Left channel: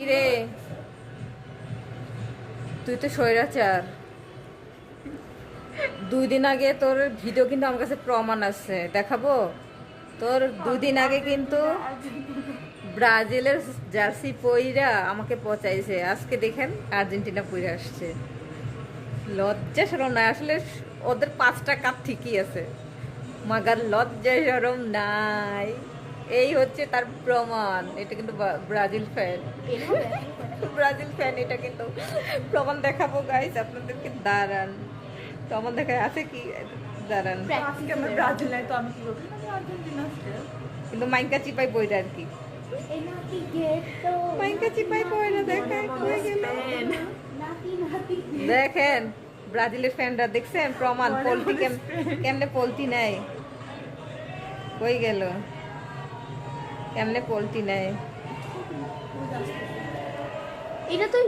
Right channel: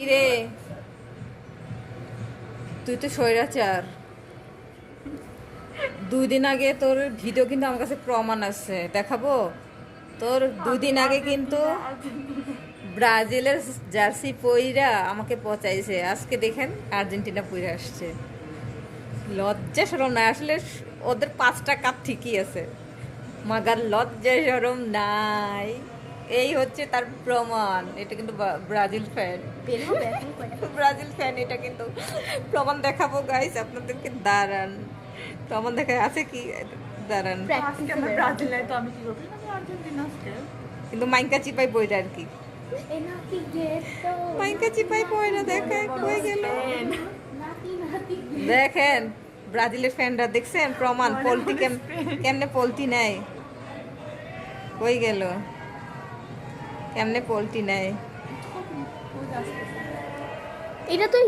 রে তুই তো স্বৈরাচার। 2 দিন আগে তোর ভিডিও কিন্তু আমার কাছে প্রমাণ আছে, দেখাবো। তোর 2 দিন আগে কিন্তু ব্রাজিলের জার্সি পইরা আমাকে পচাইছে, আজকে দেখেন আর্জেন্টিনা পইরা আসছে। লজ্জা শরম নাই আসলে, ওদের 5টা কাপ ঠিকই আছে, মাগার লজ্জা শরম নাই। এই হচ্ছে তার প্রমাণ। এটা কিন্তু ব্রাজিল ফ্যান, ব্রাজিল ফ্যান, এটা কিন্তু প্রমাণ দেখাবো গাইস আপনাদেরকে, দাঁড়ান। প্রমাণ দেখায় আছে কি, দাঁড়ান। কিন্তু মাইকা চিপাই বইটা আর কি, মাইকা চিপাই বইটা দেখায় কই গেল। দেখেন ব্রাজিলের ফ্যানরা, দেখছেন প্রমাণ, পোল্টি কেমনে পোল্টি নেয়, কই গেল, কেমনে পোল্টি নেয়। এটা তো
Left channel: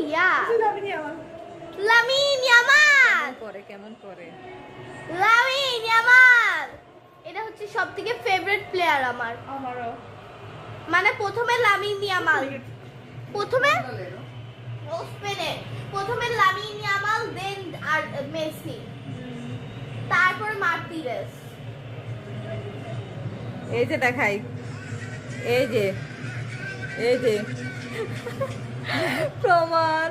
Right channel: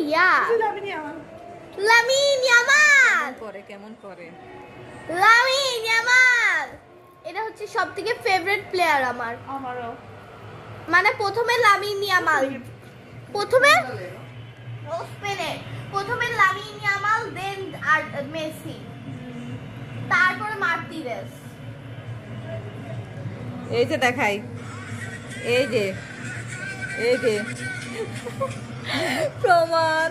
লামিন ইয়ামাল করে কেমন করে লামিন ইয়ামাল, এটা হচ্ছে সবথেকে ফেভারিট প্লেয়ার আমারও। মানে প্রথমে লামিন ইয়ামাল, প্রথমে লামিন ইয়ামাল, দেন আর মেসি, তারপর মার্টিনেজ। এই যে দেখাই, এই যে প্রমাণ।